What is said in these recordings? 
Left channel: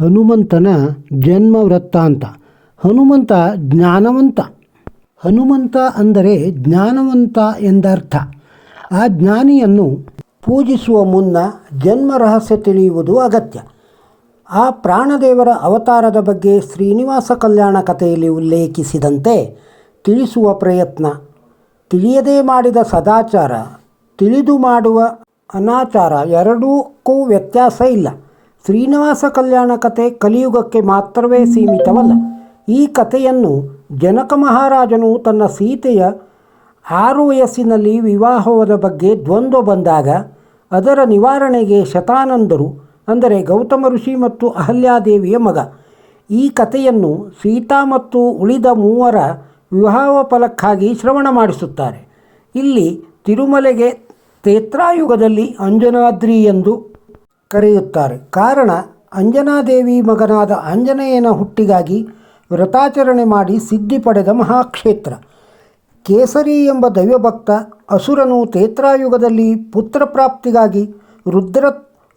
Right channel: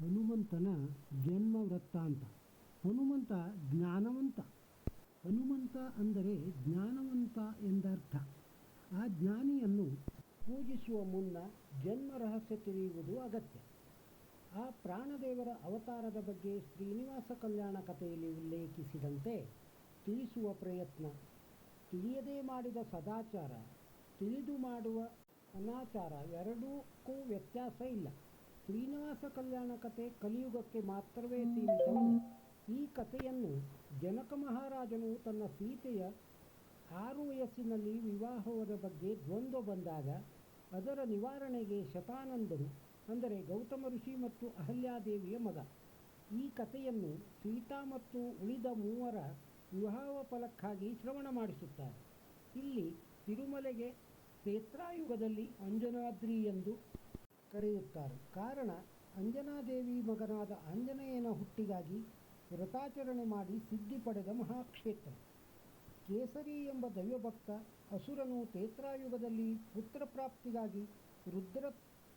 ಹನುಮಂತನ ಜನ್ಮ ವೃತ್ತಾಂತ ಹನುಮಂತ ಜ್ಞಾನವಂತ. ಹನುಮಂತ ಅಂದರೆ ಜ್ಞಾನವಂತ ಎಂದರ್ಥ. ಆ ಜ್ಞಾನಿಯನ್ನು ಪೂಜಿಸುವ ಮುನ್ನ ಜನ್ಮ ರಹಸ್ಯ ತಿಳಿಯುವುದು ಅಗತ್ಯ. ಆ ಪ್ರಾಣದೇವರ ಅವತಾರದ ಬಗ್ಗೆ ಶ್ರೀನಿವಾಸ ಕಲ್ಯಾಣ ಕಥೆಯಲ್ಲಿ ಉಲ್ಲೇಖಿಸಿದಂತೆ ತಿಳಿಸುವ ಪ್ರಯತ್ನ, ತಿಳಿಯದೇ ಮಾಡಿದ ಸದಾಚಾರ, ತಿಳಿದು ಮಾಡುವ ಅನಾಚಾರ ಎರಡಕ್ಕೂ ವ್ಯತ್ಯಾಸ ಇಲ್ಲ. ಶ್ರೀನಿವಾಸ ಕಲ್ಯಾಣ ಕಥೆ ಕಲಿಯುಗಕ್ಕೆ ಮಾತ್ರವೇ ಸೀಮಿತವಲ್ಲ. ಈ ಕಥೆಯನ್ನು ಜನಕ ಮಹಾರಾಜನು ತನ್ನ ಸೀತೆಯ ಆರು ವಯಸ್ಸಿನಲ್ಲಿ ವಿವಾಹವಾದ ಬಗ್ಗೆ ದ್ವಂದ್ವ ಬಂದಾಗ ಅದರ ನಿವಾರಣೆಗೆ ಶತಾನಂದರು, ಅಂದರೆ ಗೌತಮ ಋಷಿ ಮತ್ತು ಅಹಲ್ಯಾದೇವಿಯ ಮಗ. ಈ ಕಥೆಯನ್ನು ಸೀತಾ ಮತ್ತು ಉಳಿದ ಮೂವರ ವಿವಾಹ ಫಲಕ್ಕಾಗಿ ಶ್ರವಣ ಮಾಡಿಸುತ್ತಾರೆ. ಇಲ್ಲಿ ತಿರುಮಲೆಗೆ ತೇತ್ರಾಯುಗದಲ್ಲಿ ಅಂಜನಾದ್ರಿ ಎಂದು ಕರೆಯುತ್ತಾರೆ. ಕಾರಣ, ಅಂಜನಾದೇವಿ ಮಗನಾದ ಆಂಜನೇಯನ ಹುಟ್ಟಿಗಾಗಿ ವ್ರತಾಚರಣೆ ಮಾಡಿ ಸಿದ್ಧಿ ಪಡೆದ ಮಹಾಕ್ಷೇತ್ರ. ಕೇಸರಿ ಎಂಬ ದೈವಭಕ್ತ ಅಸುರನು ತೇತ್ರಾಯುಗದಲ್ಲಿ ಪುತ್ರ ಪ್ರಾಪ್ತಿಗಾಗಿ ರುದ್ರ,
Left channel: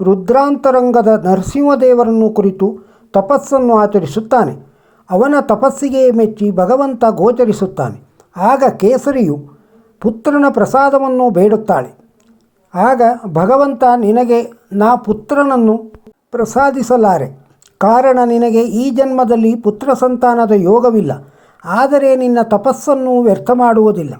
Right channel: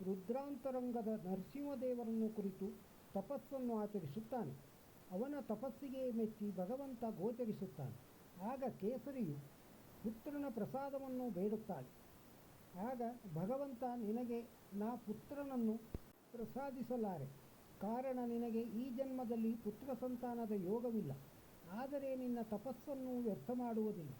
ರುದ್ರಾಂತರಂಗದ ನರಸಿಂಹದೇವರನ್ನು ಕುರಿತು ತಪಸ್ಸನ್ನು ಆಚರಿಸುತ್ತಾನೆ. ಅವನ ತಪಸ್ಸಿಗೆ ಮೆಚ್ಚಿ ಭಗವಂತ ಗೋಚರಿಸುತ್ತಾನೆ. ಆಗ ಕೇಸರಿಯು ಪುತ್ರನ ಪ್ರಸಾದವನ್ನು ಬೇಡುತ್ತಾಳೆ. ಆಗ ಭಗವಂತ ನಿನಗೆ ನಾ ಪುತ್ರನನ್ನು ಪ್ರಸಾದಿಸಲಾರೆ. ಕಾರಣ ನಿನಗೆ ಈ ಜನ್ಮದಲ್ಲಿ ಪುತ್ರ ಸಂತಾನದ ಯೋಗವಿಲ್ಲ. ಆದರೆ ನಿನ್ನ ತಪಸ್ಸನ್ನು ವ್ಯರ್ಥ ಮಾಡುವುದಿಲ್ಲ.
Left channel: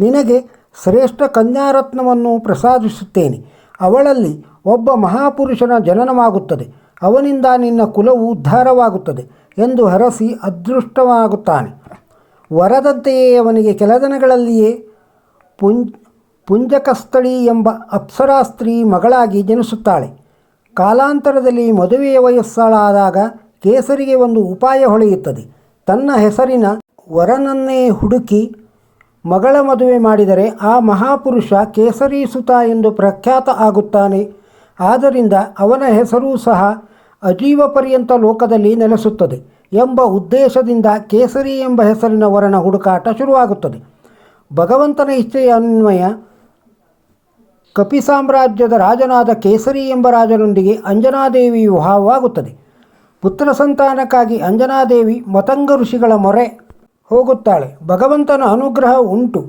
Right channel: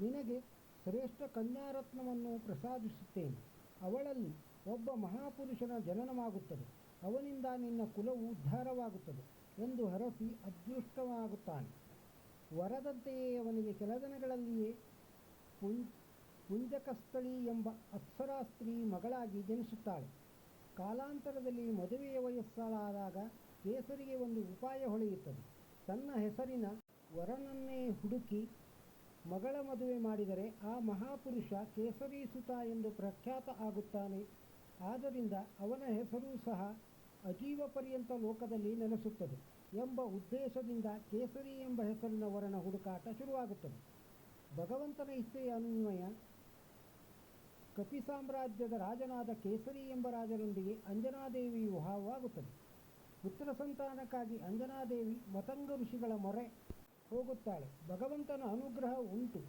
ನಿನಗೆ ಶ್ರೇಷ್ಠ ಕನ್ಯಾರತ್ನವನ್ನು ಪ್ರಸಾದಿಸುತ್ತೇನೆ. ಅವಳಲ್ಲಿ ಒಬ್ಬ ಮಹಾಪುರುಷನ ಜನನವಾಗುತ್ತದೆ. ಅವನಿಂದ ನಿನ್ನ ಕುಲವು ಉದ್ಧಾರವಾಗುತ್ತದೆ ಎಂದು ಹರಸಿ ಅದೃಷ್ಟವಾಗುತ್ತಾನೆ. ವರದಂತೆಯೇ ಅವನಿಗೆ ಕೆಲ ದಿನಗಳಲ್ಲಿಯೇ ಪುಂಜಕಸ್ಥಳಿ ಎಂಬ ಅಪ್ಸರಾ ಸ್ತ್ರೀ ಮಗಳಾಗಿ ಜನಿಸುತ್ತಾಳೆ. ಕಾಲಾಂತರದಲ್ಲಿ ಮದುವೆಯ ವಯಸ್ಸಾಳಾದಾಗ ಕೇಸರಿಗೆ ಒಂದು ಉಪಾಯ ಹೊಳೆಯುತ್ತದೆ. ತನ್ನ ಹೆಸರಿನ ವರನನ್ನೇ ಹುಡುಕಿ ಮಗಳ ಮದುವೆ ಮಾಡಿದರೆ ಆ ಮಹಾಪುರುಷ ಕೇಸರಿ ಸುತ ಎಂದು ಪ್ರಖ್ಯಾತ ಆಗುತ್ತಾನೆ. ಆದ್ದರಿಂದ ಅವನ ಹೆಸರೂ ಸಹ ಅಜೀವ ಪರ್ಯಂತ ಲೋಕದಲ್ಲಿ ನೆಲೆಸುತ್ತದೆ ಎಂಬ ಉದ್ದೇಶದಿಂದ ಕೇಸರಿ ಎಂಬ ಹೆಸರಿನ ವರನ ಹುಡುಕಾಟ ಶುರುವಾಗುತ್ತದೆ. ಭಗವಂತನ ಇಚ್ಛೆಯ ಅನ್ವಯ ಕಪಿ ಸಾಮ್ರಾಜ್ಯದ ರಾಜನಾದ ಕೇಸರಿ ಎಂಬ ರಾಜನೊಂದಿಗೆ ಅಂಜನಾದೇವಿ ವಿವಾಹವಾಗುತ್ತದೆ ಪುತ್ರ ಸಂತಾನಕ್ಕಾಗಿ ಅಂಜನಾದೇವಿ ಮತಂಗ ಋಷಿಗಳ ಮೊರೆ ಹೋಗುತ್ತಾಳೆ. ಭಗವಂತನ ಅನುಗ್ರಹ ಉಂಟು.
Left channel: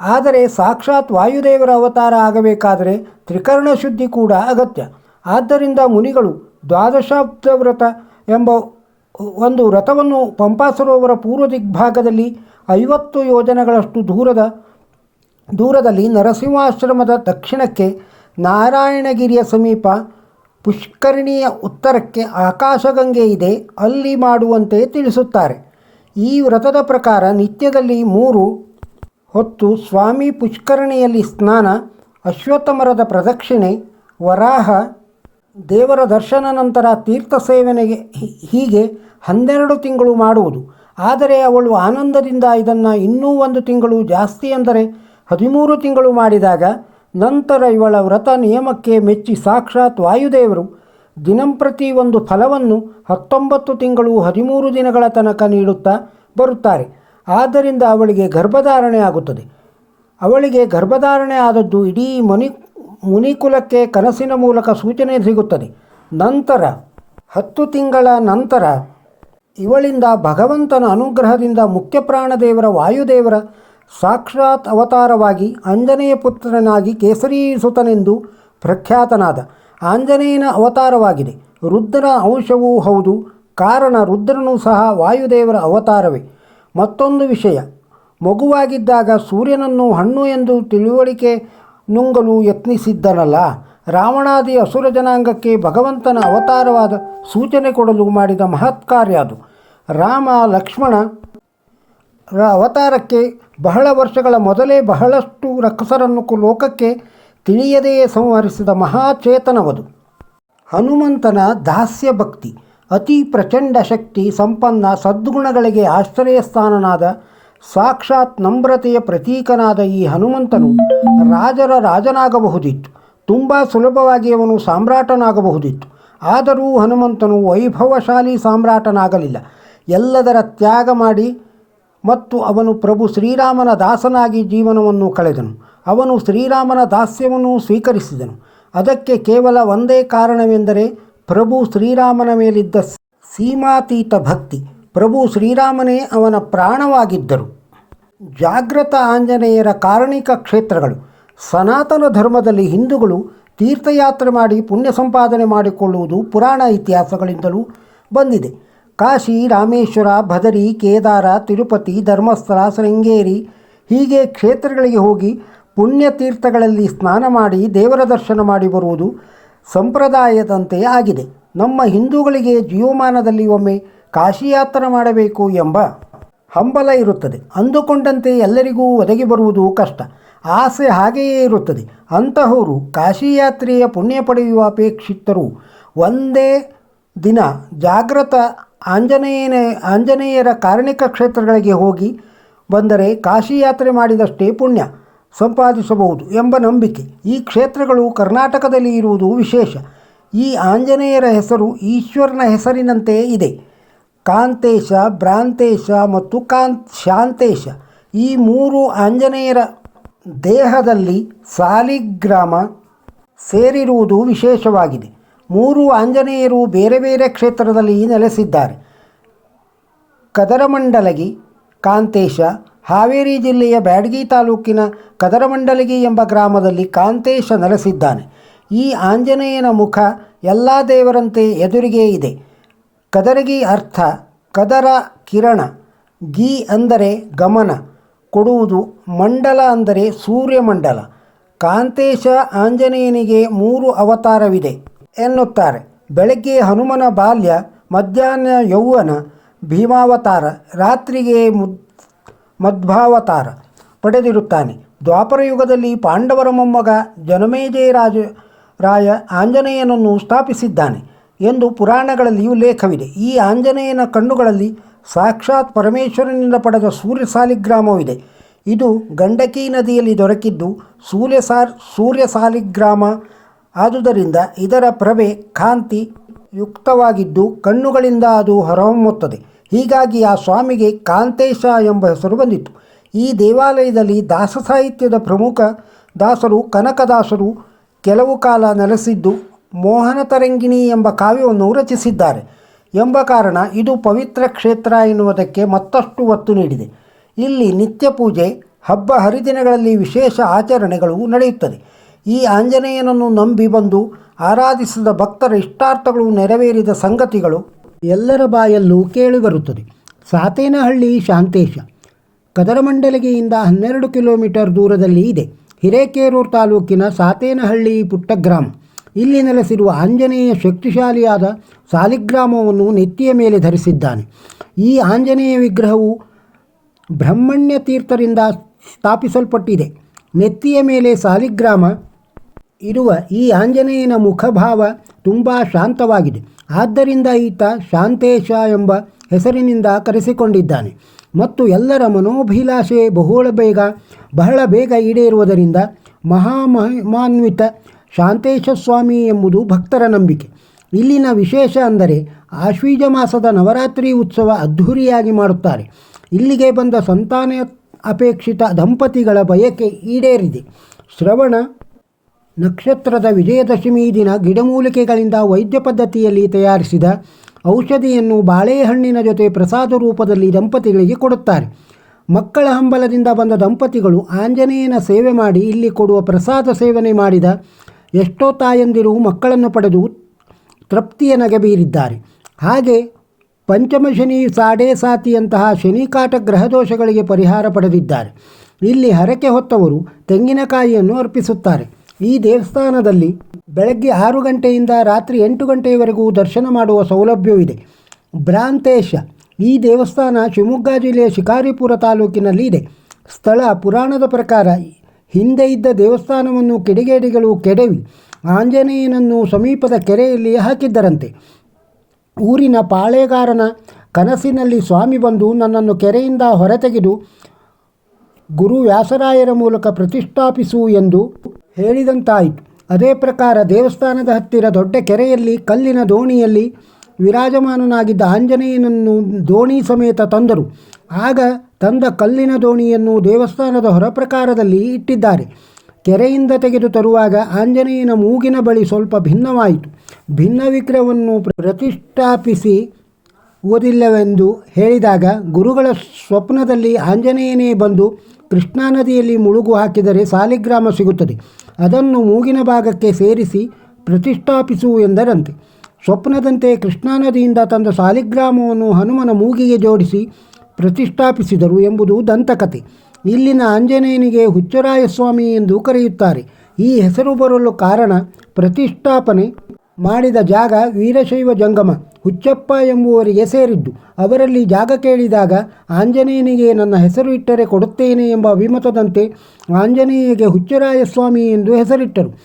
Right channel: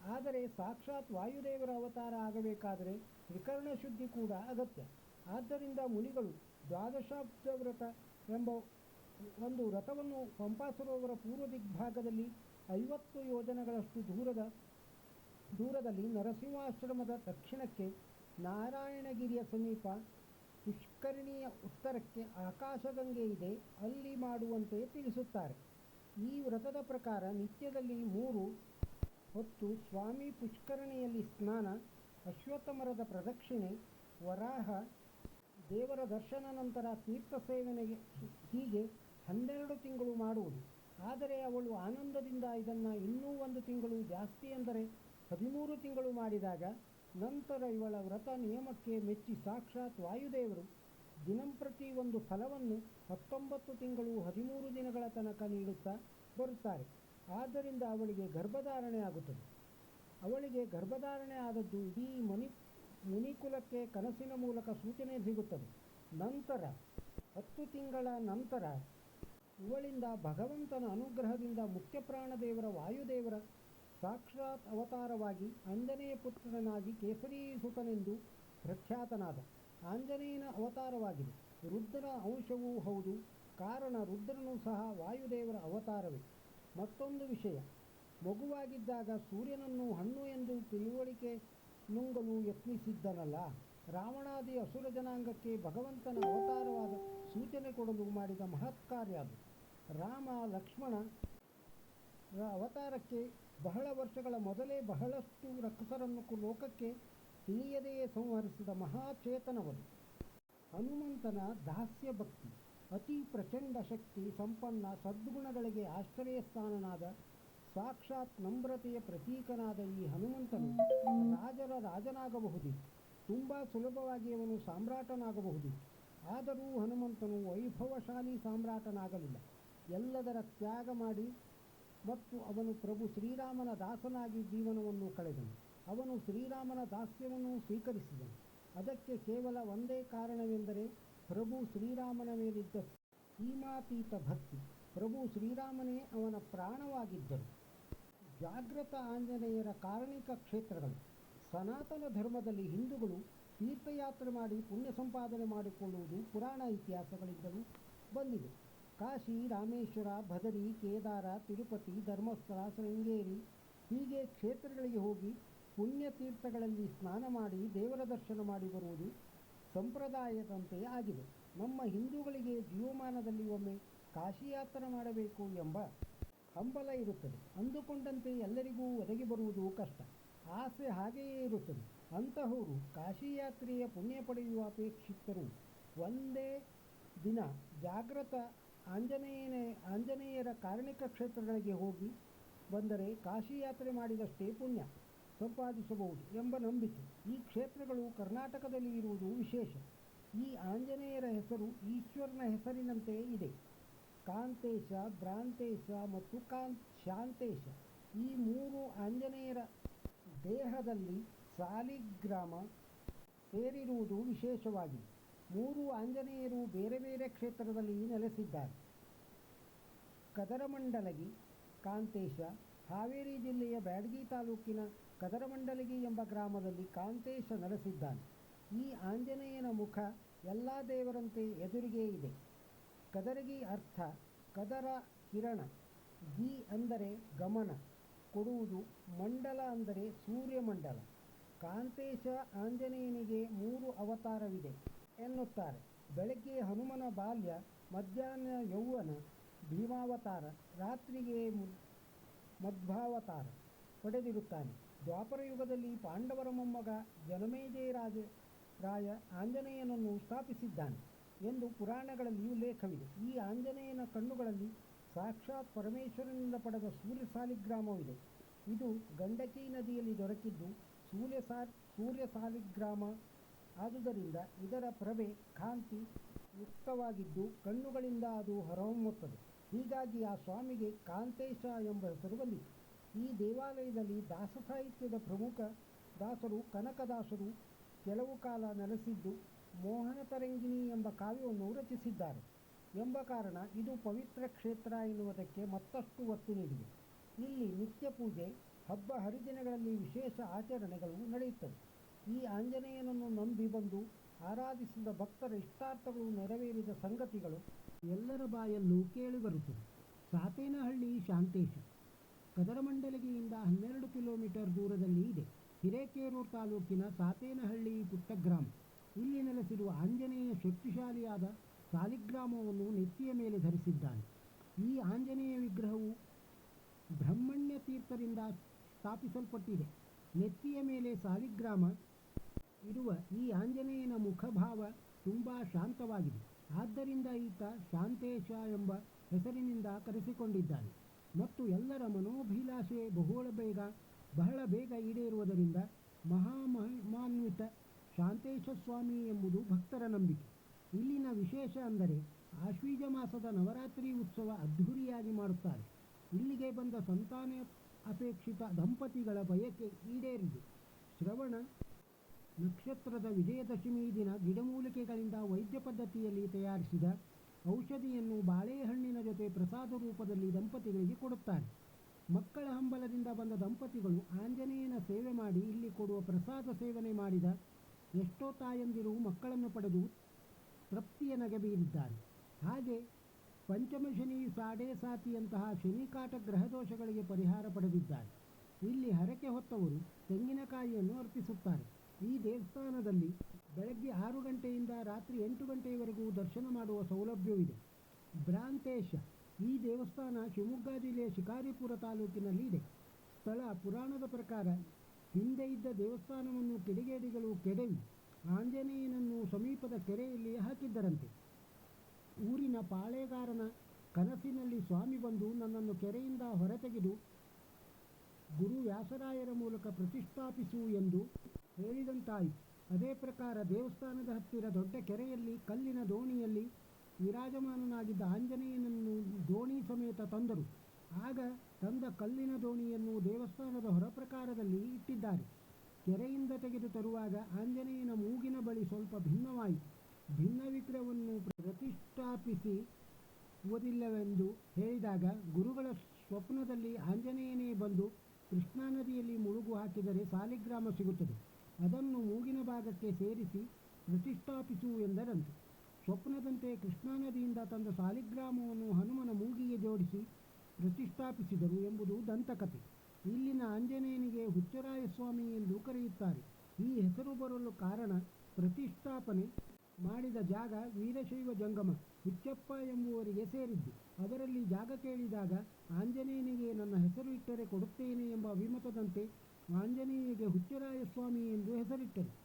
ಆದರೆ ಸಾಕ್ಷಾತ್ ವಾಯುದೇವರ ಅವತಾರ ಆಗಬೇಕಾದರೆ ತ್ರಿಕರ್ಣ ಶುದ್ಧಿ ಕೂಡ ಅಗತ್ಯ. ಆದ್ದರಿಂದ ಮುನಿಗಳು ದ್ವಾದಶಾಬ್ದ ವ್ರತ ಎಂಬ ಒಂದು ವ್ರತವನ್ನು ಪಂಪಾಸರೋವರ ಪೂರ್ವ ದಿಗ್ಭಾಗದಲ್ಲಿ ಐವತ್ತು ಯೋಜನೆಗಳಷ್ಟು ದೂರದ ದೂರದಲ್ಲಿ ನರಸಿಂಹಾಶ್ರಮದ ದಕ್ಷಿಣಕ್ಕೆ ನಾರಾಯಣಗಿರಿಯ ಸಮೀಪ ಪುಷ್ಕರಣಿಯ ಉತ್ತರಕ್ಕೆ ಆಕಾಶಗಂಗೆ ಇದೆ ಅಲ್ಲಿ ಮಾಡುವಂತೆ ತಿಳಿಸುತ್ತಾರೆ. ಈ ವ್ರತದ ಪ್ರಕಾರ ನಿತ್ಯದಲ್ಲಿ ಮೂರು ಹೊತ್ತು ಸ್ವಾಮಿ ಪುಷ್ಕರಣಿಯಲ್ಲಿ ಸ್ನಾನ, ಅಶ್ವತ್ಥಮರದ ಪ್ರದಕ್ಷಿಣೆ, ವರಾಹ, ದೇವರ ದರ್ಶನ ನಂತರ ತೀರ್ಥ ಸೇವನೆಗೆ ಹೀಗೆ ಹನ್ನೆರಡು ತಿಂಗಳು ಮಾಡುವುದು. ಆದರೆ ಅವಳು ಆನಂದದಿಂದ ಇದನ್ನು ಇನ್ನೂ ಒಂದು ತಿಂಗಳು ಜಾಸ್ತಿ ಅಂದರೆ ಹದಿಮೂರು ತಿಂಗಳು ಮಾಡಿದಾಗ ನಂತರ ಇವಳ ವ್ರತ ನಿಯಮಕ್ಕೆ ಮೆಚ್ಚಿ ಸಾಕ್ಷಾತ್ ವಾಯುದೇವರು ದಿನಂಪ್ರತಿ ಒಂದು ಫಲವನ್ನು ಹತ್ತೊಂಬತ್ತು ತಿಂಗಳು ಹದಿಮೂರು ದಿನಗಳ ತನಕ ನೀಡುತ್ತಾ ಬರುತ್ತಾರೆ. ಆದ್ದರಿಂದ ಅವಳಿಗೆ ಗರ್ಭಧಾರಣೆ ಆಗುತ್ತದೆ. ಅವಳಿಗೆ ಗರ್ಭಧಾರಣೆ ಆದದ್ದು ಇಡೀ ಮುನಿ, ಮುನಿಕುಲಕ್ಕೆ ಕನಸಿನ ಮೂಲಕ ಸೂಚನೆ ಸಿಗುತ್ತದೆ. ನಂತರ, ಹತ್ತು ತಿಂಗಳ ನಂತರ, ಇವಳಿಂದ ಭಗವಂತನ ಅನುಗ್ರಹದಿಂದ ಮುಖ್ಯ ಪ್ರಾಣದೇವರ ವಾಯುದೇವರ ಸಾಕ್ಷಾತ್ ಅವತಾರವಾಗಿ ಆಂಜನೇಯ ಪುತ್ರನಾಗಿ ಕೇಸರಿ ಸುತನೆಂದು ಪ್ರಖ್ಯಾತನಾದ ಆಂಜನೇಯನ ಅವತಾರವಾಗಿದೆ. ರುದ್ರ ಅಂಶವೂ ಹೌದು, ಕಾರಣ ರುದ್ರನೂ ಸಹ ವಾಯುದೇವರ ಅವತಾರವೇ. ಮತ್ತೊಂದು ವಿಷಯ, ಮಗುವಾಗಿದ್ದಾಗ ಸೂರ್ಯನನ್ನು ಹಣ್ಣು ಎಂದು ತಿಳುವಳಿಕೆ ನುಂಗಲು ಯತ್ನಿಸಿದ್ದನಲ್ಲ, ರಾವಣಾದಿ ಅಸುರ ಜನಾಂಗಕ್ಕೆ ಭಗವಂತನ ಅವತಾರವಾದ ಸೂಚನೆ ಕೊಡಲು ಮಾಡಿದ ಮಹತ್ಕಾರ್ಯ ಅದು. ರಾಮ ಲಕ್ಷ್ಮಣ ಅವತಾರಕ್ಕೆ ಬಹಳ ವರ್ಷಗಳ ಮೊದಲೇ ಬಹಳಷ್ಟು ರಕ್ಕಸರನ್ನು ಲೋಕಕ್ಕೆ ತಿಳಿಯದೆಯೇ ಸಂಹರಿಸಿದ ಮಹಾಚೇತನವದು. ಹನುಮಂತನ ದಾಸ್ಯ ಭಕ್ತಿ, ಅತಿ ಪ್ರಚಂಡ ಶಕ್ತಿ ಸಂಪನ್ನ ಸದ್ಗುಣಗಳಿಗೆ ಆಶ್ರಯಸ್ಥಾನನಾದ ಸಾಕ್ಷಾತ್ ನಮ್ರತೆಯ ಪ್ರತೀಕನಾದ ಈ ಹನುಮಂತನು ರಾಜರ ರಾಜನಾಗಬಹುದಿತ್ತು. ತುಂಬ ಸುಲಭವಾಗಿ ಅವನು ಸಾಮ್ರಾಟನಾಗಬಹುದಿತ್ತು. ಆದರೂ ಹನುಮಂತನು ವೈಭವಶಾಲಿ ಸಾಮ್ರಾಟನಾಗಲಿಲ್ಲ. ಎಲ್ಲದರ ತ್ಯಾಗ ಮಾಡಿ ಮತ್ತು ಅವನು ಪ್ರಭು ಶ್ರೀರಾಮನ ದಾಸನಾಗಿ ಜೀವನವನ್ನು ಕಳೆದನು. ಅವನು ಶ್ರೀರಾಮನ ದಾಸ್ಯವನ್ನು ಸ್ವೀಕರಿಸಿದನು. ಅದಕ್ಕೆ ಕೇವಲ ಒಂದೇ ಕಾರಣವೆಂದರೆ ಪ್ರಭು ಶ್ರೀರಾಮನ ಮೇಲಿದ್ದ ಸೀಮಾತೀತ ಭಕ್ತಿ. ಪ್ರಭು ಶ್ರೀರಾಮನೇ ಅವನ ಪ್ರಾಣವಾಗಿದ್ದರು. ಜಾಗೃತ ಆಂಜನೇಯರ ಕಾರಣಿಕ ಕ್ಷೇತ್ರಗಳು. ಸನಾತನ ಧರ್ಮದಲ್ಲಿ ಹಿಂದೂಗಳು ತೀರ್ಥಯಾತ್ರೆ ಮಾಡಿ ಪುಣ್ಯ ಸಂಪಾದನೆ ಮಾಡಿಕೊಳ್ಳುವುದು ಪುರಾಣ ಇತಿಹಾಸಗಳಿಂದಲೂ ಬಂದಿದೆ. ಕಾಶಿ ರಾಮೇಶ್ವರ ಭದರಿ, ಕೇದಾರ, ತಿರುಪತಿ, ಧರ್ಮಸ್ಥಳ, ಶೃಂಗೇರಿ ಹೀಗೆ ಕ್ಷೇತ್ರಗಳಿಗೆ ಹೋಗಿ ಪುಣ್ಯತೀರ್ಥಗಳಲ್ಲಿ ಸ್ನಾನ ಮಾಡಿ ದೇವರ ದರ್ಶನ ಮಾಡಿ ಬರುವುದು ಸಂಪ್ರದಾಯದಂತೆ ಆಗಿದೆ. ನಮ್ಮ ಹಿಂದೂಗಳಿಗೆ ಜೀವಮಾನದಲ್ಲಿ ಒಮ್ಮೆ ಕಾಶಿ ಯಾತ್ರೆ ಮಾಡಬೇಕು ಎಂಬ ಹಂಬಲ ಇರುತ್ತದೆ. ಅಂದುಕೊಂಡಂತೆ ಎಲ್ಲರಿಗೂ ಒದಗಿ ಬರುವುದು ಕಷ್ಟ. ಆಸೆ ಹಾಗೆಯೇ ಇರುತ್ತದೆ. ಅಂತಹವರು ಕಾಶಿ ಯಾತ್ರೆಯ ಪುಣ್ಯ ಪಡೆಯುವ ಅಪೇಕ್ಷಿತರು. ಒಂದೇ ದಿನ ಜಾಗೃತ ಆಂಜನೇಯನ, ಆಂಜನೇಯರ ಕಾರಣಿಕ ಕ್ಷೇತ್ರಗಳಿಗೆ ಹೋಗಿ ಬಂದರೆ ಕಾಶಿ ಯಾತ್ರೆ ಮಾಡಿದಷ್ಟೇ ಪುಣ್ಯ, ಸಂಪಾದಿಸಬಹುದು ಎಂಬ ನಂಬಿಕೆ. ಈ ಕ್ಷೇತ್ರಗಳು ಕರ್ನಾಟಕದಲ್ಲಿ ಇರುವುದು ವಿಶೇಷ. ಈ ಆಂಜನೇಯರ ಹೆಸರು ಈಶ್ವರನ ಹೆಸರಿನಂತೆ ಇದೆ. ಕಾಂತೇಶ, ಭ್ರಾಂತೇಶ ಮತ್ತು ಕಾಂತ್ ಶಾಂತೇಶ. ಈ ಮೂರು ಆಂಜನೇಯರ ದೇಹದಲ್ಲಿ ಸಾಲಿಗ್ರಾಮ ಸೇರಿರುವುದು ವಿಶೇಷವಾಗಿದೆ. ಮೂರು ಆಂಜನೇಯರು ಬೇರೆ ಬೇರೆ ಕ್ಷೇತ್ರದಲ್ಲಿ ನೆಲೆಸಿದ್ದಾರೆ. ಕದರಮಂಡಲಗಿ, ಕಾಂತೇಶ, ಹಾವೇರಿ ಜಿಲ್ಲೆಯ ಬ್ಯಾಡಗಿ ತಾಲೂಕಿನ ಕದರಮಂಡಲಗಿ ಎಂಬ ಗ್ರಾಮದಲ್ಲಿ ಕಾಂತೇಶ ನೆಲೆಸಿದ್ದಾನೆ. ಈ ಆಂಜನೇಯನ ಮುಖ ಎಲ್ಲ ದೇವರಂತೆ ಎದುರಿಗೆ ಇದೆ. ಕದರಗಿ ಅರ್ಥ ಕದರ ಕಿರಣ, ಗಿ ಅಂದರೆ ಗಮನ, ಕೊಡುವುದು ಮಂಡಲ ಅಂದರೆ ಸೂರ್ಯಮಂಡಲ. ಕಾಂತೇಶ ಆಂಜನೇಯನಿಗೆ ಮೂರು ಅವತಾರವಿದೆ. ಎನ್ನುತ್ತಾರೆ. ಬೆಳಗ್ಗೆ ಹನುಮನ ಬಾಲ್ಯ, ಮಧ್ಯಾಹ್ನ ಯೌವನ ಭೀಮಾವತಾರ, ರಾತ್ರಿಗೆ ಮುದ್, ಮಧ್ವಾವತಾರ ಪಡೆದಿರುತ್ತಾನೆ. ದ್ವಾಪರ ಯುಗದಲ್ಲಿ ಪಾಂಡವರ ಮೊಮ್ಮಗ ಜನಮೇಜಯ ರಾಜ ರಾಯ ಆಂಜನೇಯನನ್ನು ಸ್ಥಾಪಿಸಿದ್ದಾನೆ ಎಂದು ಪುರಾಣಗಳಲ್ಲಿ ಉಲ್ಲೇಖವಿದೆ ಈ ಆಂಜನೇಯನ ಕಣ್ಣುಗಳಲ್ಲಿ ಸಾಕ್ಷಾತ್ ಪರಮೇಶ್ವರನಿಂದ ಪಡೆದ ಸೂರ್ಯ ಸಾಲಿಗ್ರಾಮವಿದೆ. ಇದು ಗಂಡಕಿ ನದಿಯಲ್ಲಿ ದೊರಕಿದ್ದು ಸೂರ್ಯ ಸಾರ್, ಸೂರ್ಯ ಸಾಲಿಗ್ರಾಮ ಆದುದರಿಂದ ಇದರ ಪ್ರಭೆ ಕಾಂತಿ ಯುಕ್ತವಾಗಿದ್ದು ಕಣ್ಣುಗಳಿಂದ ಅದು ಹೊರಹೊಮ್ಮುತ್ತದೆ. ಹೀಗಾಗಿ ಆ ಸ್ವಾಮಿಗೆ ಕಾಂತೇಶ ಎಂಬ ಹೆಸರು ಬಂದಿತು ಈ ದೇವಾಲಯದಲ್ಲಿ ದಾಸ ಸಾಹಿತ್ಯದ ಪ್ರಮುಖ ದಾಸರು ಕನಕದಾಸರು ಕೆಲವು ಕಾಲ ನೆಲೆಸಿದ್ದು ಮೋಹನ ತರಂಗಿಣಿ ಎಂಬ ಕಾವ್ಯವನ್ನು ರಚಿಸಿದ್ದಾರೆ. ಎಂಬ ಕಾರಣ ಇದು ಪವಿತ್ರ ಕ್ಷೇತ್ರ ಎನ್ನುವುದಕ್ಕೆ ಮತ್ತಷ್ಟು ಒತ್ತು ನೀಡಿದೆ. ಇಲ್ಲಿ ನಿತ್ಯ ಪೂಜೆ, ಹಬ್ಬ ಹರಿದಿನಗಳಲ್ಲಿ ವಿಶೇಷ ಆಚರಣೆಗಳು ನಡೆಯುತ್ತದೆ. ಈ ಆಂಜನೇಯನನ್ನು ನಂಬಿ ಬಂದು ಆರಾಧಿಸಿದ ಭಕ್ತರ ಇಷ್ಟಾರ್ಥಗಳು ನೆರವೇರಿದ ಸಂಗತಿಗಳು ಎಲ್ಲರ ಬಾಯಲ್ಲೂ ಕೇಳಿಬರುತ್ತದೆ. ಸಾತೇನಹಳ್ಳಿ ಶಾಂತೇಶ ಕದರಮಂಡಲಗಿಯಿಂದ ಹನ್ನೆರಡು ಕಿಲೋಮೀಟರ್ ದೂರದಲ್ಲಿ ಇದೆ. ಹಿರೇಕೇರೂರು ತಾಲೂಕಿನ ಸಾತೇನಹಳ್ಳಿ ಪುಟ್ಟ ಗ್ರಾಮ ಇಲ್ಲಿ ನೆಲೆಸಿರುವ ಆಂಜನೇಯ ಶಕ್ತಿಶಾಲಿಯಾದ ಸಾಲಿಗ್ರಾಮವನ್ನು ನೆತ್ತಿಯ ಮೇಲೆ ಧರಿಸಿದ್ದಾನೆ. ಈ ಆಂಜನೇಯ ವಿಗ್ರಹವು ಬ್ರಹ್ಮಣ್ಯ ತೀರ್ಥರಿಂದ ಸ್ಥಾಪಿಸಲ್ಪಟ್ಟಿದೆ. ನೆತ್ತಿಯ ಮೇಲೆ ಸಾಲಿಗ್ರಾಮ ಇರುವ ಈ ಆಂಜನೇಯನ ಮುಖಭಾವ ತುಂಬ ಶಾಂತವಾಗಿದೆ. ಆದ್ದರಿಂದ ಈತ ಶಾಂತೇಶ ಎಂಬ ಹೆಸರಿನಿಂದ ಕರೆಸಿಕೊಂಡಿದ್ದಾನೆ. ಮತ್ತು ಎಲ್ಲರ ಮನೋಭಿಲಾಷೆ ಬಹುಳ ಬೇಗ, ಬಹಳ ಬೇಗ ಈಡೇರುವುದರಿಂದ ಮಹಾಮಹಿಮಾನ್ವಿತ ಶಾಂತೇಶ ಸ್ವಾಮಿ ಎಂಬುದು ಭಕ್ತರ ನಂಬಿಕೆ. ಇಲ್ಲಿನ ವಿಶೇಷ ಅಂದರೆ ಆಶ್ವೀಜ ಮಾಸದ ನವರಾತ್ರಿ ಉತ್ಸವ ಅದ್ಧೂರಿಯಾಗಿ ಮಾಡುತ್ತಾರೆ. ಇಲ್ಲಿಗೆ ಬಂದ ಸಂತಾನ ಅಪೇಕ್ಷಿತ ದಂಪತಿಗಳ ಬಯಕೆ ಈಡೇರಿದೆ. ಶ್ರವಣ ನಕ್ಷತ್ರದ ವಿಜಯದಶಮಿ ದಿನ ಗಿಡಮೂಲಿಕೆಗಳಿಂದ ವೈದ್ಯ ಪದ್ಧತಿಯಲ್ಲಿ ತಯಾರಿಸಿದ ಔಷಧಿಯನ್ನು ಬಾಳೆಹಣ್ಣಿನ ಜೊತೆ ಪ್ರಸಾದ ರೂಪದಲ್ಲಿ ದಂಪತಿಗಳಿಗೆ ಕೊಡುತ್ತಾರೆ. ಮಕ್ಕಳ ಹಂಬಲದಿಂದ ಬಂದ ದಂಪತಿಗಳು ಆಂಜನೇಯನ ಸೇವೆ ಮಾಡಿ ಇಲ್ಲಿ ಕೊಡುವ ಪ್ರಸಾದ ಸೇವನೆ ಮಾಡಿದ ಎಷ್ಟೋ ತಾಯಂದಿರು ಮಕ್ಕಳನ್ನು ಪಡೆದು ತೃಪ್ತಿಯ ನಗೆ ಬೀರಿದ್ದಾರೆ. ಹಾಗೆ ಪಂಚಮಶನಿ ಸಾಡೆ ಸಾತಿಯಂತಹ ಶನಿಕಾಟ ಗ್ರಹದೋಷಗಳಿಗೆ ಪರಿಹಾರ ಪಡೆದಿದ್ದಾರೆ. ಇಲ್ಲಿ ಹರಕೆ ಹೊತ್ತವರು ತೆಂಗಿನಕಾಯಿಯನ್ನು ಅರ್ಪಿಸುತ್ತಾರೆ. ಈ ದೇವಸ್ಥಾನದಲ್ಲಿ ಬೆಳಗ್ಗೆ ಆರು ಗಂಟೆಯಿಂದ ರಾತ್ರಿ ಎಂಟು ಗಂಟೆಯವರೆಗೂ ದರ್ಶನ ಮಾಡುವ ಸೌಲಭ್ಯವಿದೆ. ಭ್ರಾಂತೇಶ ಈ ದೇವಸ್ಥಾನ ಶಿವಮೊಗ್ಗ ಜಿಲ್ಲೆಯ ಶಿಕಾರಿಪುರ ತಾಲೂಕಿನಲ್ಲಿ ಇದೆ ಸ್ಥಳ ಪುರಾಣದ ಪ್ರಕಾರ ಹಿಂದೆ ಇದ್ದ ದೇವಸ್ಥಾನವನ್ನು ಕಿಡಿಗೇಡಿಗಳು ಕೆಡವಿ ಆಂಜನೇಯನನ್ನು ಸಮೀಪದ ಕೆರೆಯಲ್ಲಿ ಹಾಕಿದ್ದರಂತೆ. ಊರಿನ ಪಾಳೆಗಾರನ ಕನಸಿನಲ್ಲಿ ಸ್ವಾಮಿ ಬಂದು ನನ್ನನ್ನು ಕೆರೆಯಿಂದ ಹೊರತೆಗೆದು ಗುರು ವ್ಯಾಸರಾಯರ ಮೂಲಕ ಪ್ರತಿಷ್ಠಾಪಿಸು ಎಂದು ಹೇಳಿದಂತಾಯಿತು. ಅದೇ ಪ್ರಕಾರ ದೇವಸ್ಥಾನದ ಹತ್ತಿರ ದೊಡ್ಡ ಕೆರೆಯಲ್ಲಿ, ಕಲ್ಲಿನ ದೋಣಿಯಲ್ಲಿ ವಿರಾಜಮಾನನಾಗಿದ್ದ ಆಂಜನೇಯನನ್ನು ದೋಣಿ ಸಮೇತ ತಂದರು. ಆಗ ತಂದ ಕಲ್ಲಿನ ದೋಣಿಯನ್ನು ದೇವಸ್ಥಾನದ ಹೊರಪ್ರಕಾರದಲ್ಲಿ ಇಟ್ಟಿದ್ದಾರೆ. ಕೆರೆಯಿಂದ ತೆಗೆದು ತರುವಾಗ ಆಂಜನೇಯನ ಮೂಗಿನ ಬಳಿ ಸ್ವಲ್ಪ ಭಿನ್ನವಾಯಿತು. ಭಿನ್ನ ವಿಗ್ರಹವನ್ನು ಪ್ರತಿಷ್ಠಾಪಿಸಿ ಓದಿಲ್ಲವೆಂದು ಹೇಳಿದಾಗ ಗುರುಗಳ ಸ್ವಪ್ನದಲ್ಲಿ ಆಂಜನೇಯನೇ ಬಂದು ಕೃಷ್ಣಾ ನದಿಯಲ್ಲಿ ಮುಳುಗು ಹಾಕಿದರೆ ಸಾಲಿಗ್ರಾಮ ಸಿಗುತ್ತದೆ. ಅದನ್ನು ಮೂಗಿನ ಭಾಗಕ್ಕೆ ಸೇರಿಸಿ ಪ್ರತಿಷ್ಠಾಪಿಸು ಎಂದರಂತೆ. ಸ್ವಪ್ನದಂತೆ ಕೃಷ್ಣಾ ನದಿಯಿಂದ ತಂದ ಸಾಲಿಗ್ರಾಮವನ್ನು ಹನುಮನ ಮೂಗಿಗೆ ಜೋಡಿಸಿ ಪ್ರತಿಷ್ಠಾಪಿಸಿದರು ಎಂಬುದು ದಂತಕತೆ ಇಲ್ಲಿನ ಆಂಜನೇಯನಿಗೆ ಹುಚ್ಚರಾಯ ಸ್ವಾಮಿ ಎಂದು ಕರೆಯುತ್ತಾರೆ. ಈ ಹೆಸರು ಬರಲು ಕಾರಣ ಪ್ರತಿಷ್ಠಾಪನೆ ಮಾಡಿದ ಜಾಗ ವೀರಶೈವ ಜಂಗಮ. ಹುಚ್ಚಪ್ಪ ಎಂಬುವರಿಗೆ ಸೇರಿದ್ದು. ಅವರಲ್ಲಿ ಜಾಗ ಕೇಳಿದಾಗ, ಆಂಜನೇಯನಿಗೆ ನನ್ನ ಹೆಸರು ಇಟ್ಟರೆ ಕೊಡುತ್ತೇನೆ ಎಂಬ ಅಭಿಮತದಂತೆ ಆಂಜನೇಯಗೆ ಹುಚ್ಚರಾಯ ಸ್ವಾಮಿ ಎಂದು ಹೆಸರಿಟ್ಟರು.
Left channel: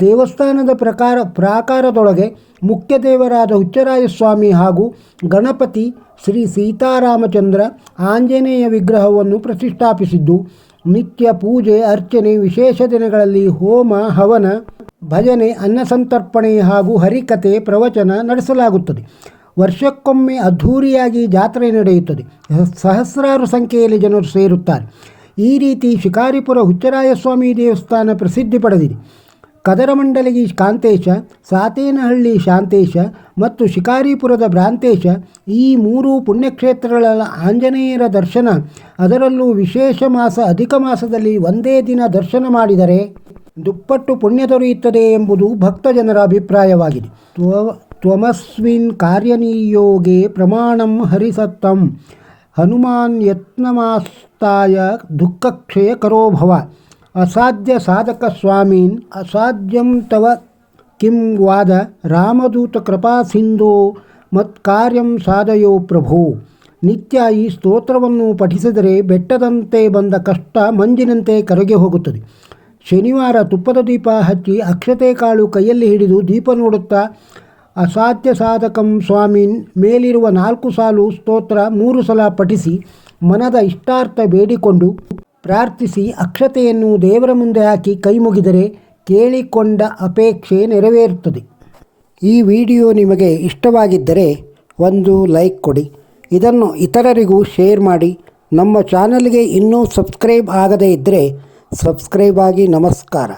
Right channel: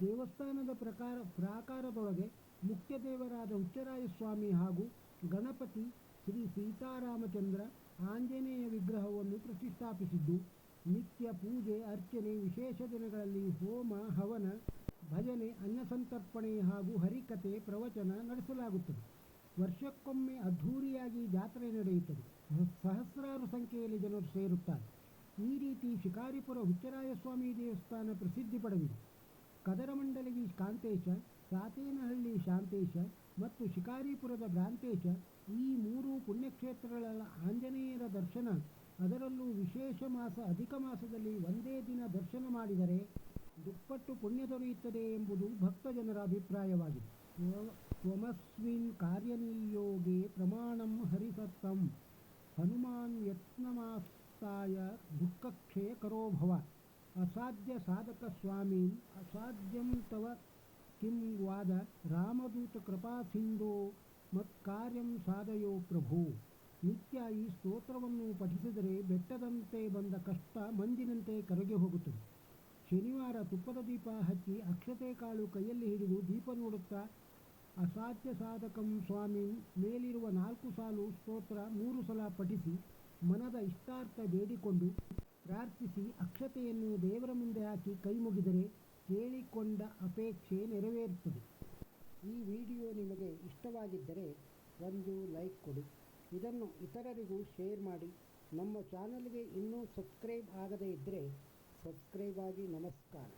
ದೇವಸ್ಥಾನದ ಪ್ರಕಾರ, ಪ್ರಾಕಾರದೊಳಗೆ ಮುಖ್ಯ ದೇವರಾದ ಹುಚ್ಚರಾಯ ಸ್ವಾಮಿ ಹಾಗೂ ಗಣಪತಿ ಶ್ರೀ ಸೀತಾರಾಮಚಂದ್ರ ಆಂಜನೇಯ ವಿಗ್ರಹವನ್ನು ಪ್ರತಿಷ್ಠಾಪಿಸಿದ್ದು ನಿತ್ಯ ಪೂಜೆ, ಅರ್ಚನೆ, ವಿಶೇಷ ದಿನಗಳಲ್ಲಿ ಹೋಮ, ಹವನ, ಭಜನೆ ಅನ್ನಸಂತರ್ಪಣೆ ಹಾಗೂ ಹರಿಕತೆ ಪ್ರವಚನ ನಡೆಸಲಾಗುತ್ತದೆ. ವರ್ಷಕ್ಕೊಮ್ಮೆ ಅದ್ಧೂರಿಯಾಗಿ ಜಾತ್ರೆ ನಡೆಯುತ್ತದೆ. ಸಹಸ್ರಾರು ಸಂಖ್ಯೆಯಲ್ಲಿ ಜನರು ಸೇರುತ್ತಾರೆ. ಈ ರೀತಿ ಶಿಕಾರಿಪುರ ಹುಚ್ಚರಾಯಸ್ವಾಮಿ ದೇವಸ್ಥಾನ ಪ್ರಸಿದ್ಧಿ ಪಡೆದಿದೆ. ಕದರಮಂಡಲಗಿ ಕಾಂತೇಶ, ಸಾತೇನಹಳ್ಳಿ ಶಾಂತೇಶ ಮತ್ತು ಶಿಕಾರಿಪುರದ ಭ್ರಾಂತೇಶ ಈ ಮೂರು ಪುಣ್ಯಕ್ಷೇತ್ರಗಳ ಆಂಜನೇಯರ ದರ್ಶನ. ಅದರಲ್ಲೂ ವಿಶೇಷ ಮಾಸ ಅಧಿಕ ಮಾಸದಲ್ಲಿ ಒಂದೇ ದಿನ ದರ್ಶನ ಮಾಡಿದರೆ ದುಪ್ಪಟ್ಟು ಪುಣ್ಯ ದೊರೆಯುತ್ತದೆ ಎಂಬುದು ಭಕ್ತಜನರ ಅಭಿಪ್ರಾಯವಾಗಿದೆ. ತ್ವ, ತ್ವಮಸ್ವಿನ್ ಕಾರ್ಯನಿಯೋಗೆ ಪ್ರಮಾಣಂ ಹರಿಸತ್ತಂ. ಹನುಮಾನ್ ಯತ್ನಮಾಸ್ತಾಯ ದುಃಖಕ್ಷಯ ಕರೋ ಭವ. ಅಸಾಧ್ಯ ಸಾಧಕ ಸ್ವಾಮೀನ್, ಅಸಾಧ್ಯಂ ತವ ಕಿಂ ವಾದ ರಾಮದೂತ ಕೃಪಾ ಸಿಂಧೋ ಮತ್ಕಾರ್ಯಂ ಸಾಧಯೋ ಪ್ರಭೋ. ನಿತ್ಯ ಈ ಸ್ತೋತ್ರವನ್ನು ಪಠಿಸಿದರೆ ಬೆಟ್ಟದಂತೆ ಬಂದ ಕಷ್ಟ ಮಂಜಿನಂತೆ ಕರಗಿ ಹೋಗುತ್ತದೆ. ಶನಿವಾರ ತುಪ್ಪದ ದೀಪ ಹಚ್ಚಿ ಅಕ್ಷತೆ ಕಾಳು ಕೈಯಲ್ಲಿ ಹಿಡಿದು ದೀಪ ನೋಡುತ್ತಾ, ಅಸಾಧ್ಯ ಸಾಧಕಂ ಸ್ವಾಮೀನ್, ಮೇಲಿರುವ ನಾಲ್ಕು ಸಾಲು ಸ್ತೋತ್ರ ಮೂರು ಸಲ ಪಠಿಸಿ ಮನದ ಇಷ್ಟಾರ್ಥ ಬೇಡಿಕೊಂಡು ಪ್ರಾರ್ಥಿಸಿ ಅಕ್ಷತೆಯನ್ನು ದೇವರ ಮುಂದೆ ಹಾಕಿ ಕೈ ಮುಗಿದರೆ ಕೇಳಿಕೊಂಡ ಅಪೇಕ್ಷೆ ನೆರವೇರುತ್ತದೆ. ಈ ವಿಡಿಯೋ ನಿಮಗೆ ಇಷ್ಟವಾಗಿದ್ದರೆ ಒಂದು ಲೈಕ್ ಕೊಡಿ. ಇದನ್ನು ಇತರರಿಗೂ ಶೇರ್ ಮಾಡಿ. ನಮ್ಮ ಚಾನಲ್ಗೆ ಇನ್ನೂ ಸಬ್ಸ್ಕ್ರೈಬ್ ಆಗದೇ ಇದ್ದರೆ ಸಬ್ಸ್ಕ್ರೈಬ್ ಆಗಿ ನಮಸ್ಕಾರ.